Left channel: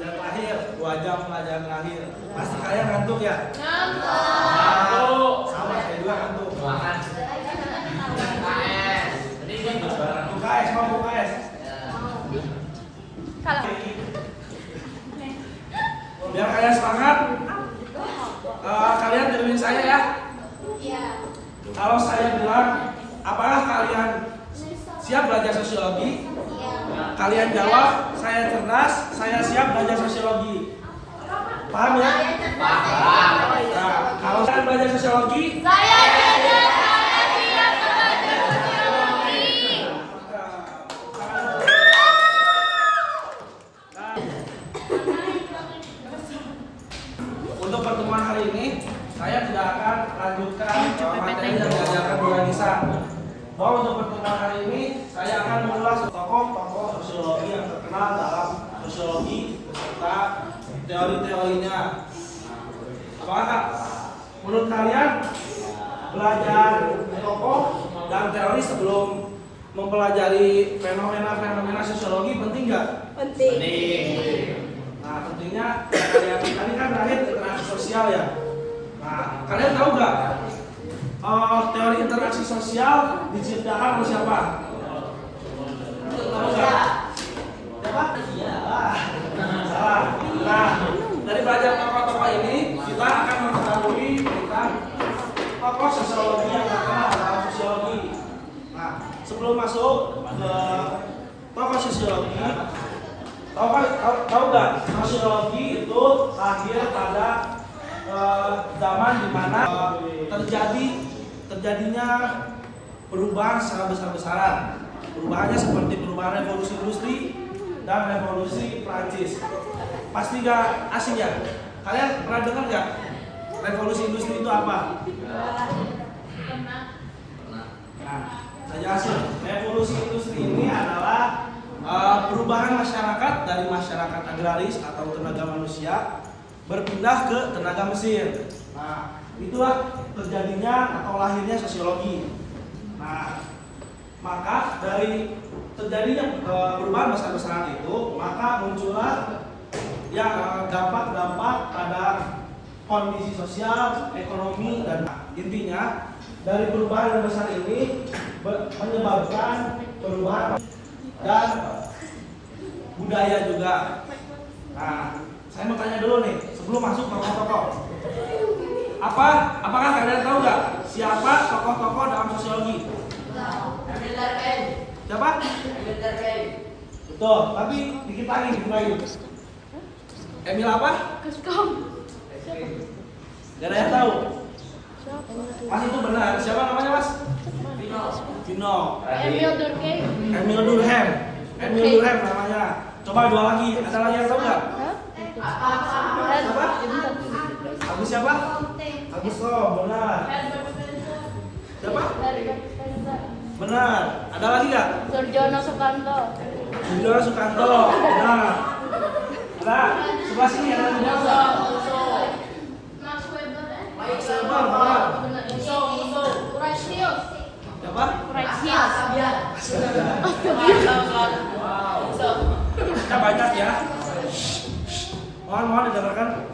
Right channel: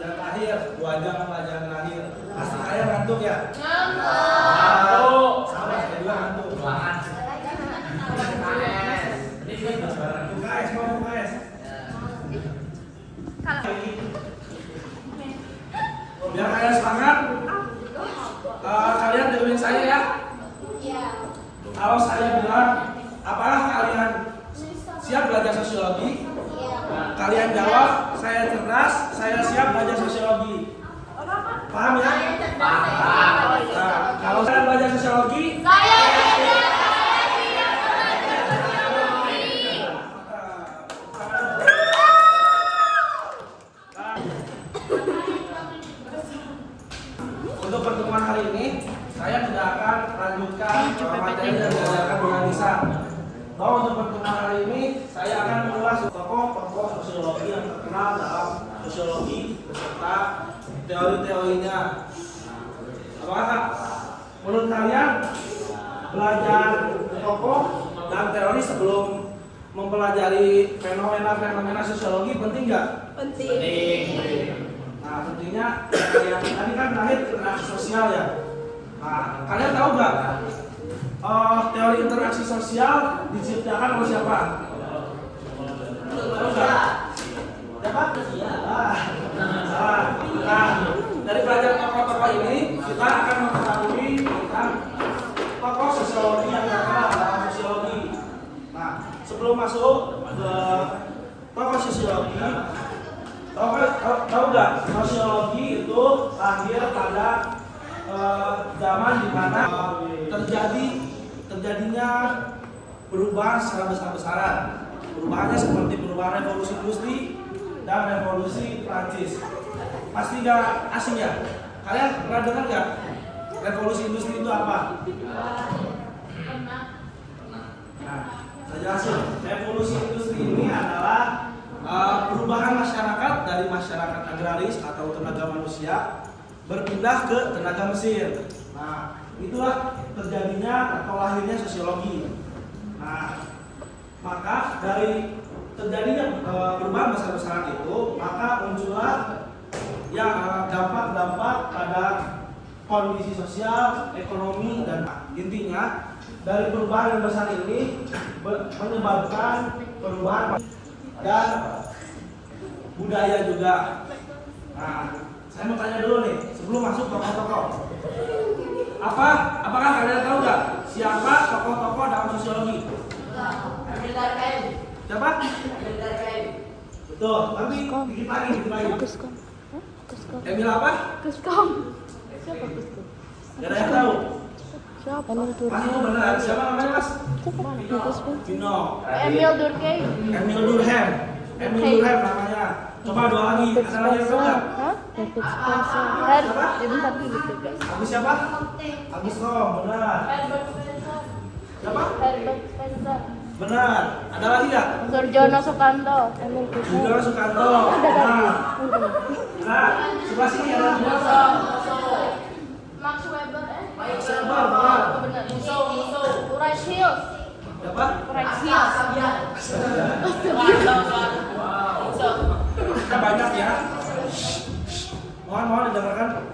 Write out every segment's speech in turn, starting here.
pelajaran terakhir, 2 jam pelajaran terakhir. Pasti kalian ngantuk ya? Ngantuk. Sama saya juga ngantuk. UKS mau UKS. Biar kalian semangat, kalian dengerin saya ya. Kalau saya bilang, apakah kalian siap belajar sosiologi? Kalian jawab, saya cerdas, saya siap belajar sosiologi. Paham ya? Nah, kalau kalian belajar sosiologi, untuk pertemuan hari ini, saya tidak akan lanjutkan materi yang diajarkan Bu Anissa. Bahwa untuk pertemuan hari ini, saya akan mengulas tokoh-tokoh sosiologi yang terkenal dalam sosiologi serta teori-teorinya. Apakah menurut kalian belajar tokoh dan teori sebelum mempelajari fenomena-fenomena sosiologi penting nggak? Penting. Nah, tentunya ya, kalian tadi kan terakhir interaksi sosial ya. Nah, kalian tahu nggak teori interaksi sosial diciptakan oleh siapa? Tahu nggak? Siapa? Nah, dari belajar tokoh-tokoh ini kita akan mengetahui tentang tokoh sosiologi yang terkenal dalam sosiologi. Nah, sebelum masuk ke tokoh sosiologi, tahu nggak sosiologi itu lahir pada zaman dimana terjadinya perubahan secara besar-besaran. Perubahannya seperti perubahan revolusi industri dan revolusi Prancis. Pasti nggak asing ya? Kalian pernah dengar nggak revolusi industri itu apa? Nah, saya jelasin. Revolusi industri ini adalah perubahan masyarakat dari masyarakat agraris atau tenaga manusia berpindah ke tenaga mesin. Nah, itulah terjadinya atau lahirnya sosiologi. Nah, maka dari terjadinya perubahan besar-besaran itu, maka muncullah dampak-dampak pada kondisi sosial, ekonomi, dan intinya dari perubahan yang besar ini menyebabkan perubahan dan budaya juga. Nah, saya mau tanya dulu nih, sebelum masuk tokoh-tokoh. Apakah kalian tahu nggak siapa tokoh-tokoh dalam sosiologi? Siapa? Betul, tapi dikit lagi. Emil apa? Gak ada yang tahu. Mas itu benar. Siapa namanya Mas? Vino. Emil Durkheim namanya. Coba 2 lagi. Ada lagi yang tahu nggak? Siapa? Agus siapa? Agus Rom, benar. Siapa? Benar. Ada lagi nggak? Surjono Sukanto. Surjono Sukanto, benar. Ada. Sebelah sini ada siapa? Max Weber, benar. Siapa? Banyak ya. Mohon didengarkan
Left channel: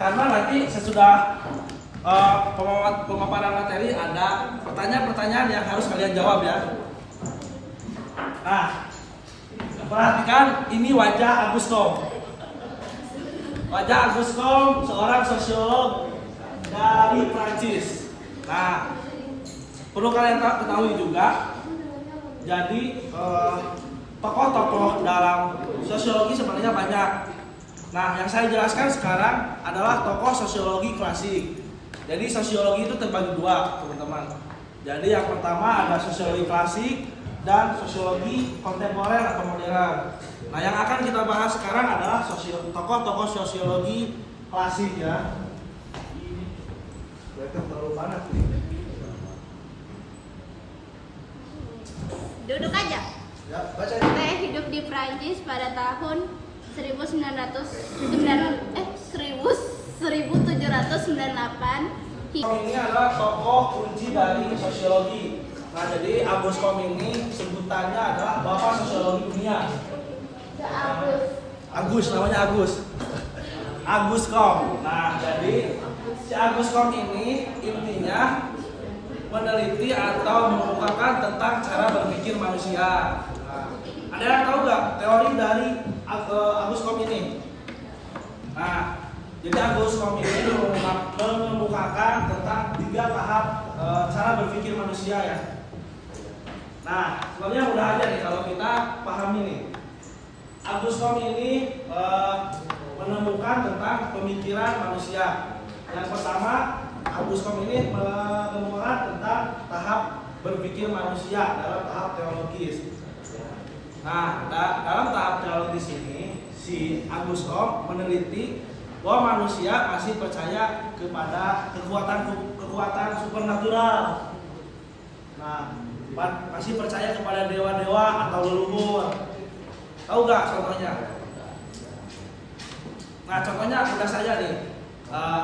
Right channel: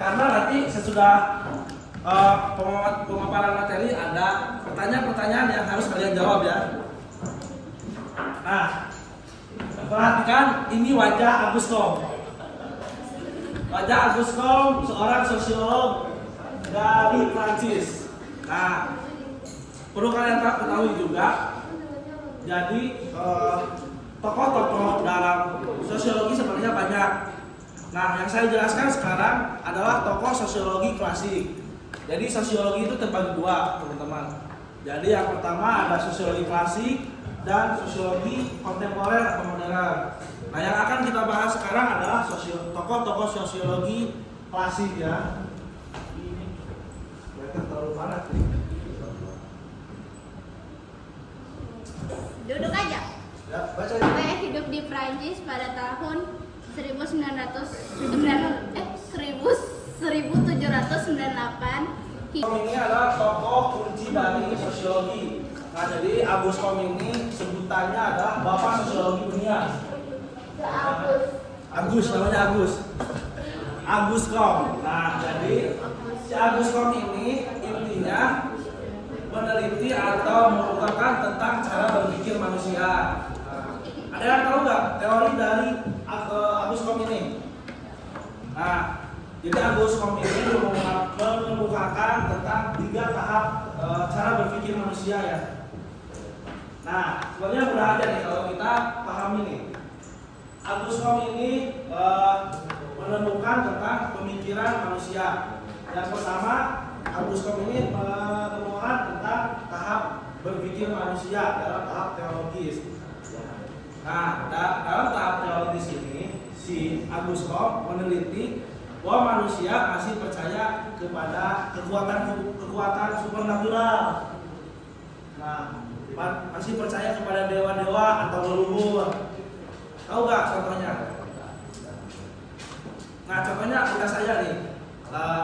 karena nanti sesudah pemaparan materi ada pertanyaan-pertanyaan yang harus kalian jawab ya. Nah, perhatikan ini wajah Agus Comte. Wajah Agus Comte seorang sosiolog dari Prancis. Nah, perlu kalian ketahui juga. Jadi tokoh-tokoh dalam sosiologi sebenarnya banyak. Nah, yang saya jelaskan sekarang adalah tokoh sosiologi klasik. Jadi sosiologi itu terbagi 2, teman-teman. Jadi yang pertama ada sosiologi klasik dan sosiologi kontemporer atau modern. Nah, yang akan kita bahas sekarang adalah tokoh-tokoh sosiologi klasik ya. Ini terlalu panas nih. Duduk aja. Ya, baca. Saya hidup di Prancis pada tahun 1798. Ini adalah tokoh kunci dari sosiologi. Nah, jadi Agus Comte ini sebutannya adalah bapak sosiologi dunia. Agus, namanya Agus. Agus Kom. Nah, jadi si Agus Kom ini intinya meneliti atau mengungkapkan tentang cara berpikir manusia. Nah, ada yang tahu nggak teori dari Agus Kom ini? Nah, jadi Agus Kom ini mengemukakan tentang 3 tahap cara berpikir manusia ya. Nah, sebenarnya mudah aja nih kalau kita pahami nih. Agus Kom ini menemukan tentang pemikiran manusia. Yang pertama, Agus Kom ini menemukan tentang tahap berpikir manusia dalam tahap teologis. Nah, dalam tahap teologis ini, si Agus Kom meneliti bahwa manusia masih percaya kepada kekuatan supernatural. Nah, masih percaya kepada dewa-dewa atau leluhur. Tahu nggak contohnya? Nah, contohnya kita saja nih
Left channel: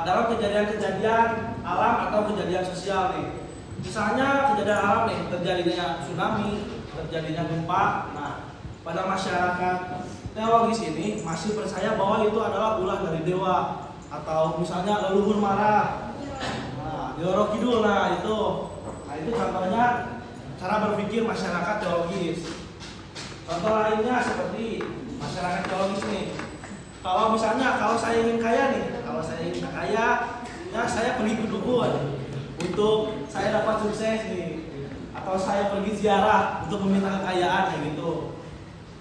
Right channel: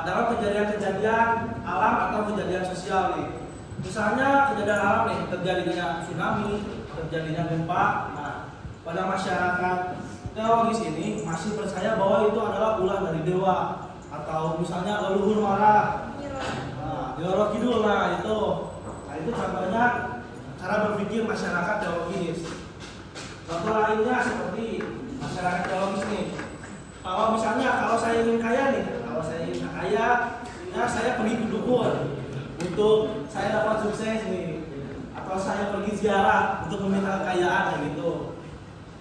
dalam kejadian-kejadian alam atau kejadian sosial nih. Misalnya kejadian alam nih, terjadinya tsunami, terjadinya gempa. Nah, pada masyarakat teologis ini masih percaya bahwa itu adalah ulah dari dewa, atau misalnya leluhur marah. Nah, di Roro Kidul, nah itu contohnya cara berpikir masyarakat teologis. Contoh lainnya seperti masyarakat teologis nih. Kalau misalnya saya ingin kaya nih, ya saya pergi ke dukun untuk saya dapat sukses nih, atau saya pergi ziarah untuk meminta kekayaan kayak gitu.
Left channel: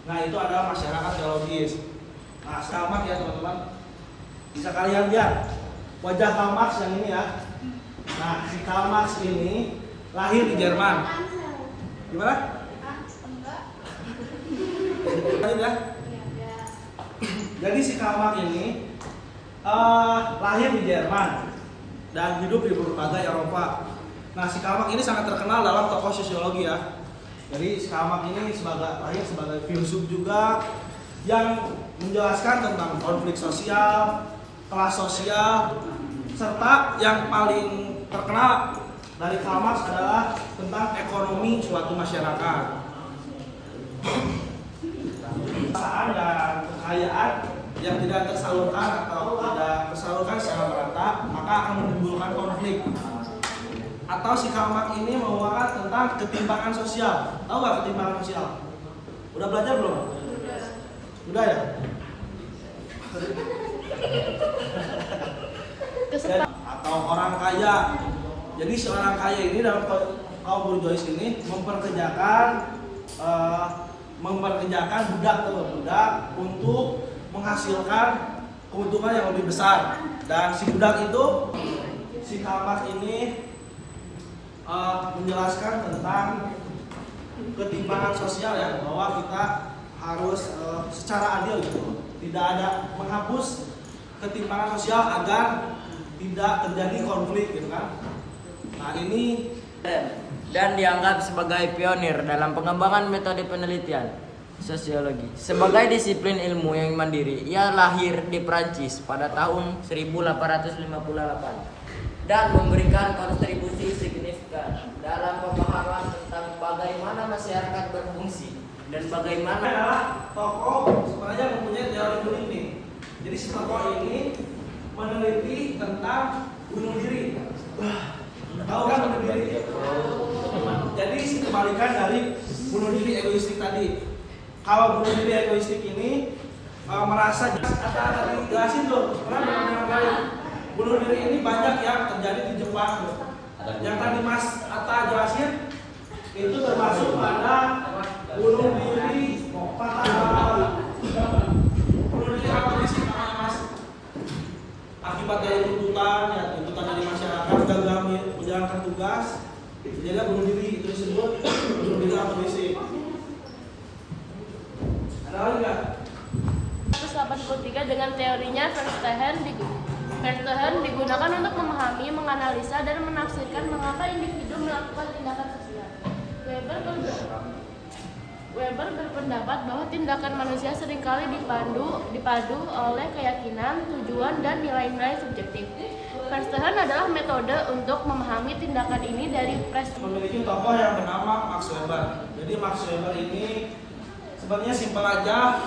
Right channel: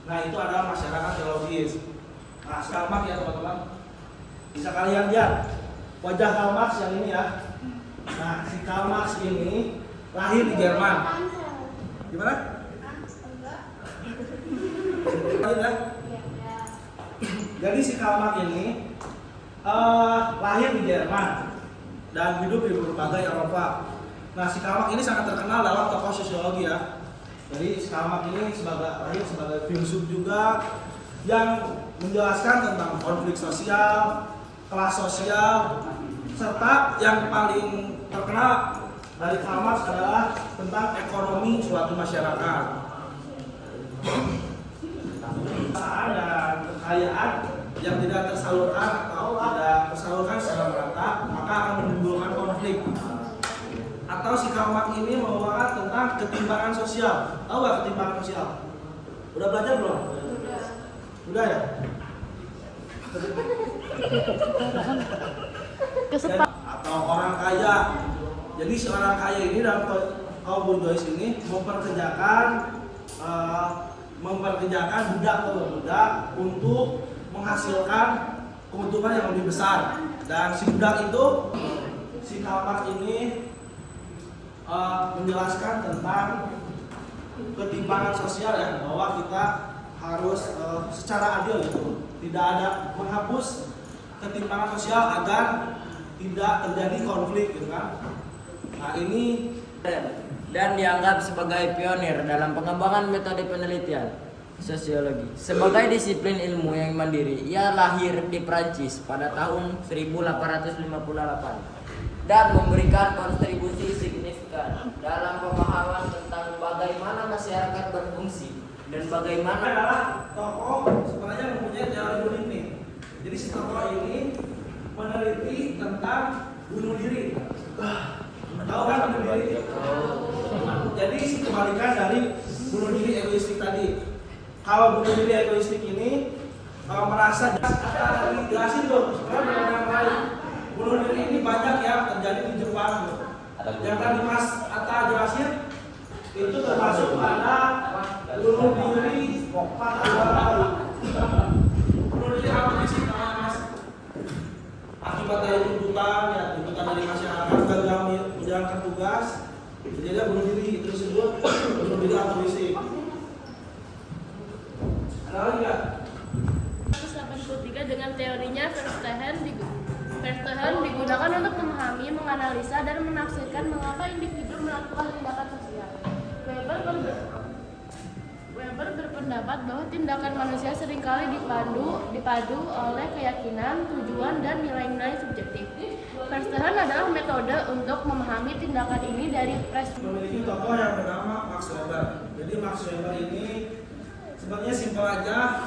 Nah, itu adalah masyarakat teologis. Nah, Karl Marx ya teman-teman, bisa kalian lihat wajah Karl Marx yang ini ya. Nah, si Karl Marx ini lahir di Jerman. Di mana? Jadi si Karl Marx ini lahir di Jerman dan hidup di berbagai Eropa. Nah, si Karl Marx ini sangat terkenal dalam tokoh sosiologi ya. Jadi si Karl Marx ini lahir sebagai filsuf juga yang menjelaskan tentang konflik sosial, kelas sosial, serta yang paling terkenal dari Karl Marx adalah tentang ekonomi suatu masyarakat. Kekayaan dan kekayaan yang tidak tersalurkan atau tidak tersalurkan secara merata maka akan menimbulkan konflik. Atau si Karl Marx ini menguatkan tentang ketimpangan sosial. Tahu nggak ketimpangan sosial? Udah belajar belum? Udah ya? Atau orang kaya. Jadi si orang kaya ini dalam kaum bourgeois ini memperkerjakan budak untuk menghasilkan keuntungan yang lebih besar. Dan si budak itu, si Karl Marx ini menjelaskan tentang ketimpangan sosial ya, bahwa kita harus secara adil gitu, tidak ada menghapus ketimpangan sosial agar tidak terjadi konflik gitu kan. Nah, ini dan dianggap sebagai pionir dalam pengembangan metode penelitian sosiologi. Sebagai disiplin ilmu yang mandiri, ia lahir di Prancis pada tahun 1858 dan memberikan kontribusi signifikan dalam pemahaman tentang bagaimana masyarakat berfungsi dan bagaimana tokoh sebenarnya mempunyai teori bunuh diri. Jadi si tokoh ini meneliti tentang bunuh diri. Tahu kan bunuh diri? Jadi kebalikan dari bunuh diri egoistik tadi. Kalau bunuh diri egoistik ini merasa ada jelasin tuh sebenarnya yang lain. Bunuh diri ini banyak yang terjadi di Jepang. Yang tadi Mas Atta jelasin itu termasuk pada bunuh diri patah tulang. Bunuh diri apa sih Mas? Akibat dari tuntutan dari masyarakat gagal menjalankan tugas, jadi bunuh diri, itu disebut bunuh diri atomistik. Ada lagi nggak? 183 dengan teorinya Verstehen digunakan untuk memahami, menganalisa, dan menafsirkan mengapa individu melakukan tindakan sosial. Weber berpendapat bahwa tindakan manusia seringkali dipadu oleh keyakinan, tujuan, dan nilai-nilai subjektif. Verstehen adalah metode untuk memahami tindakan ini dari memiliki tokoh yang bernama Max Weber. Jadi Max Weber ini sebenarnya simpel aja,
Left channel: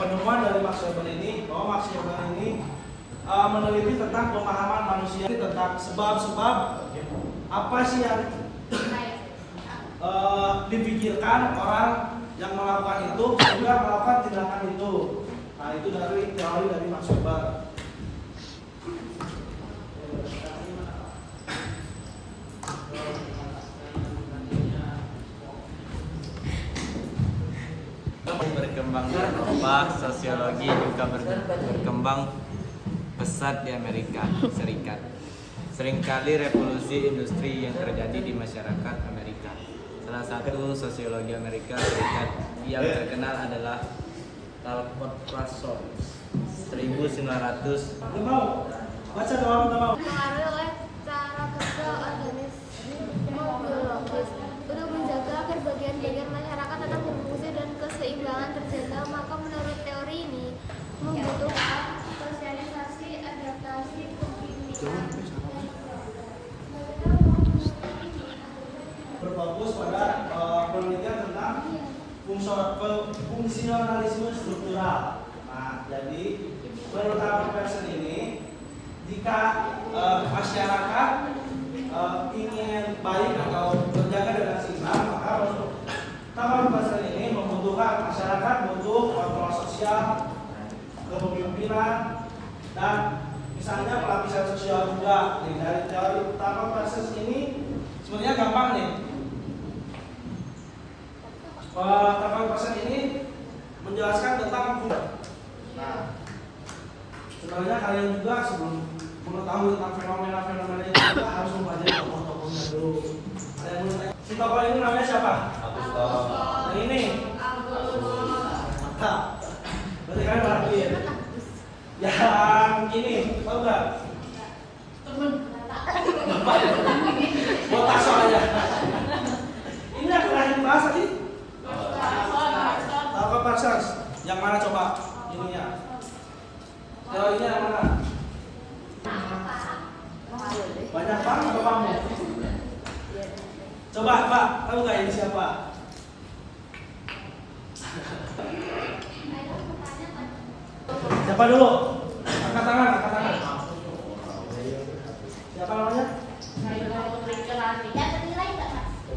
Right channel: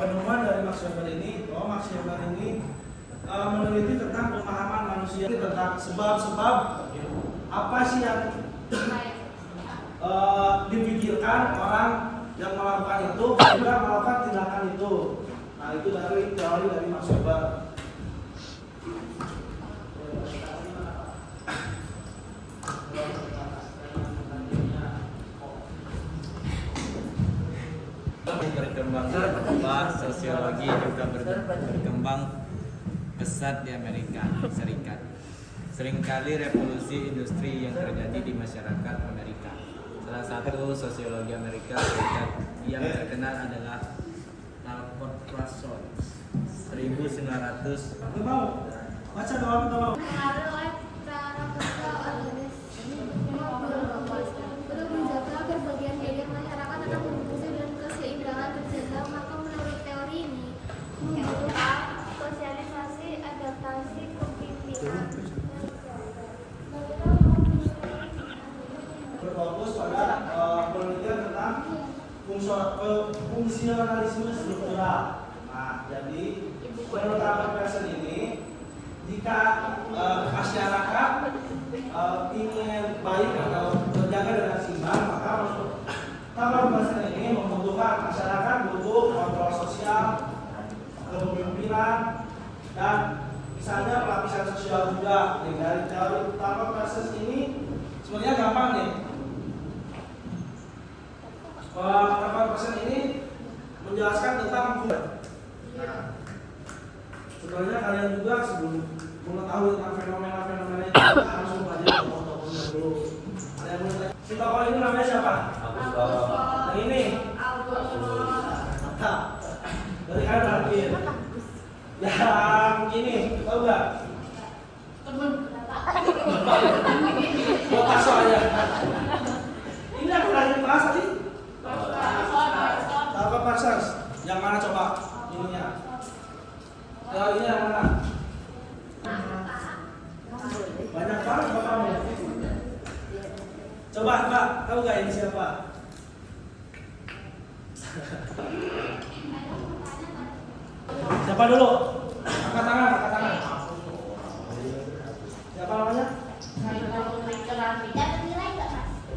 penemuan dari Max Weber ini, bahwa Max Weber ini meneliti tentang pemahaman manusia, tentang sebab-sebab apa sih yang dipikirkan orang yang melakukan itu sehingga melakukan tindakan itu. Nah, itu dari teori dari Max Weber. Berkembang di Eropa, sosiologi juga berkembang pesat di Amerika Serikat. Seringkali revolusi industri yang terjadi di masyarakat Amerika. Salah satu sosiologi Amerika Serikat yang terkenal adalah Talcott Parsons 1900. Udah mau? Baca doang, udah mau. Pengaruh oleh cara kerja organisme biologis untuk menjaga agar bagian-bagian masyarakat tetap berfungsi dan keseimbangan terjaga. Maka menurut teori ini membutuhkan sosialisasi, adaptasi, Berfokus pada penelitian tentang fungsionalisme struktural. Nah, jadi menurut Talcott Parsons ini, jika masyarakat ingin baik atau terjaga dengan seimbang, maka menurut Talcott Parsons ini membutuhkan masyarakat butuh kontrol sosial, kepemimpinan, dan misalnya pelapisan sosial juga. Nih, dari teori Talcott Parsons ini sebenarnya gampang nih. Talcott Parsons ini menjelaskan tentang nah, sebenarnya kalian juga sebelum mengetahui tentang fenomena-fenomena itu harus mempelajari tokoh-tokohnya dulu. Ada yang boleh tanya? Si tokoh ini namanya siapa? Yang ini. Nah, dari kalian perhatiin. Yang ini, tahu nggak? Botas soalnya. Ini yang terakhir bahas tadi. Talcott Parsons. Yang mana coba? Ininya. Teorinya yang mana? Banyak banget bapakmu. Coba Pak, tahu nggak ini siapa? Siapa dulu? Angkat tangan, angkat tangan. Siapa namanya?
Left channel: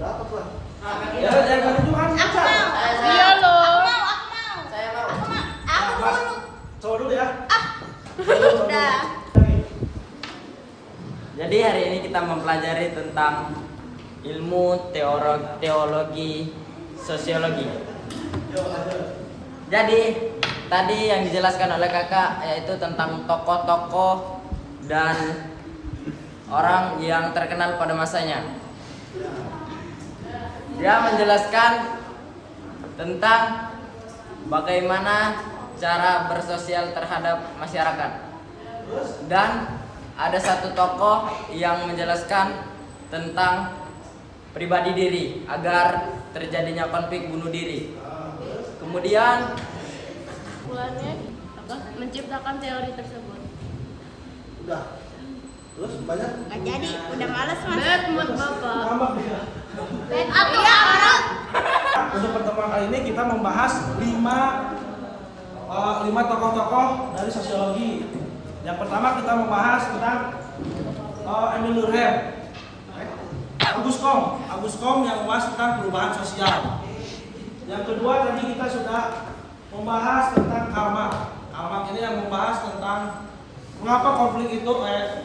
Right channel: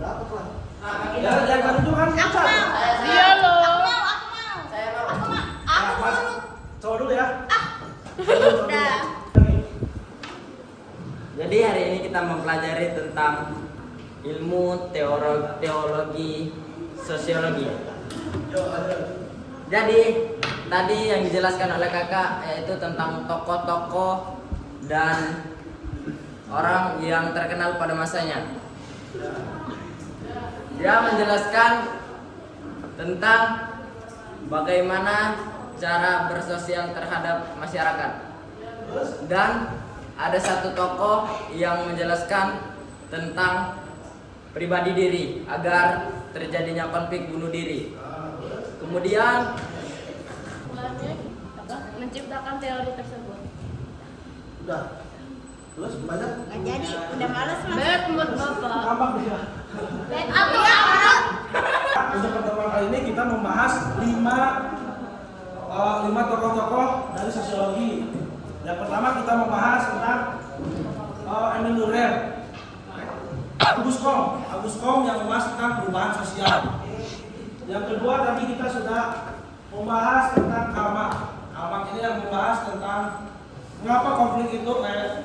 Dapat lah. Ya, jangan itu kan. Dia loh. Saya mau. Mas, coba dulu ya. Udah. Jadi hari ini kita mempelajari tentang ilmu teologi sosiologi. Jadi tadi yang dijelaskan oleh kakak yaitu tentang tokoh-tokoh dan orang yang terkenal pada masanya. Dia menjelaskan tentang bagaimana cara bersosial terhadap masyarakat. Dan ada satu tokoh yang menjelaskan tentang pribadi diri agar terjadinya konflik bunuh diri. Kemudian Mulanya menciptakan teori tersebut. Udah. Terus banyak. Nggak jadi, udah males mas. Bed mood bapak. Tambah dia. Aku ya menurut. Untuk pertemuan kali ini kita membahas 5 tokoh-tokoh dari sosiologi. Yang pertama kita membahas tentang Emil Durkheim, Auguste Comte yang membahas tentang perubahan sosial. Yang kedua tadi kita sudah membahas tentang Karl Marx. Karl Marx ini yang membahas tentang mengapa konflik itu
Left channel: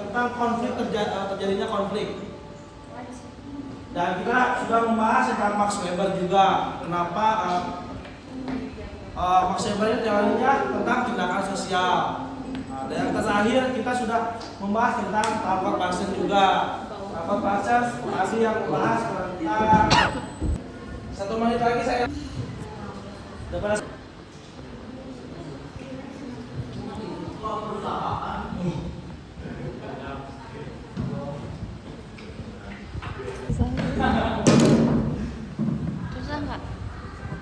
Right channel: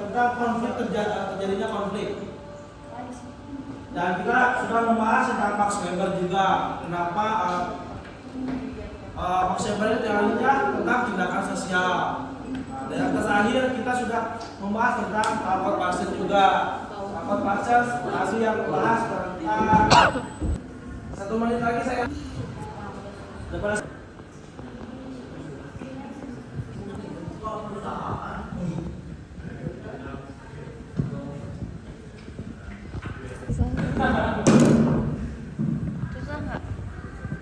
tentang konflik terjadinya konflik. Dan kita sudah membahas tentang Max Weber juga. Kenapa Max Weber ini teorinya tentang tindakan sosial. Dan yang terakhir kita sudah membahas tentang Talcott Parsons juga. Talcott Parsons tadi yang membahas tentang 1 menit lagi saya. Depan. Susah nggak?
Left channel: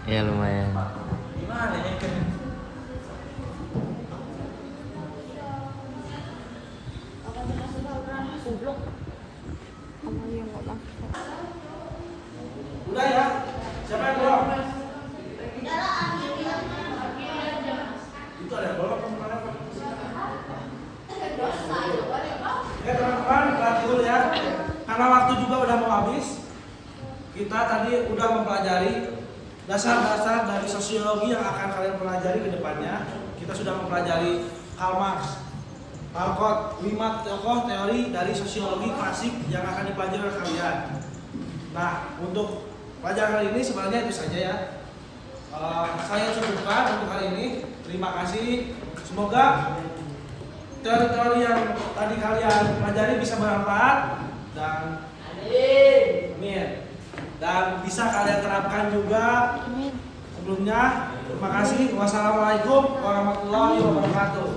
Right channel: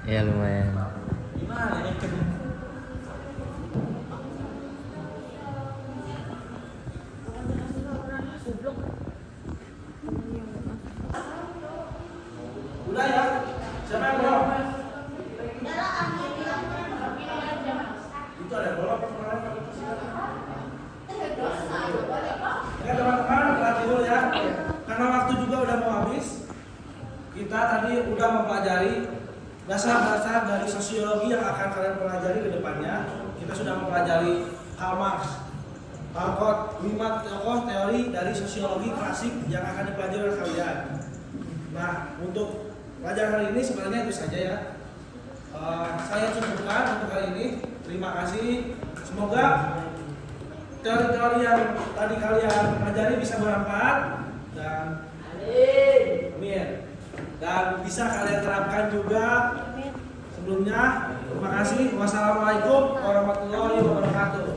ya lumayan. Gimana ya? Udah ya? Siapa yang belum? karena waktu juga udah mau habis, kita tadi udah mempelajari dasar-dasar dari sosiologi yang akan kalian pelajari ke depannya. Kita sudah mempelajari Karl Marx, Alcott, 5 tokoh teori dari sosiologi klasik yang akan dipelajari oleh kalian. Nah, untuk pelajaran kali ini sebenarnya itu saja ya. Saya cukupkan untuk hari ini. Terima kasih. Semoga teori-teori yang tadi kalian pelajari bisa bermanfaat dan amin. Dan bisa kalian terapkan juga. Sebelumnya, terima kasih. Wassalamualaikum warahmatullahi wabarakatuh.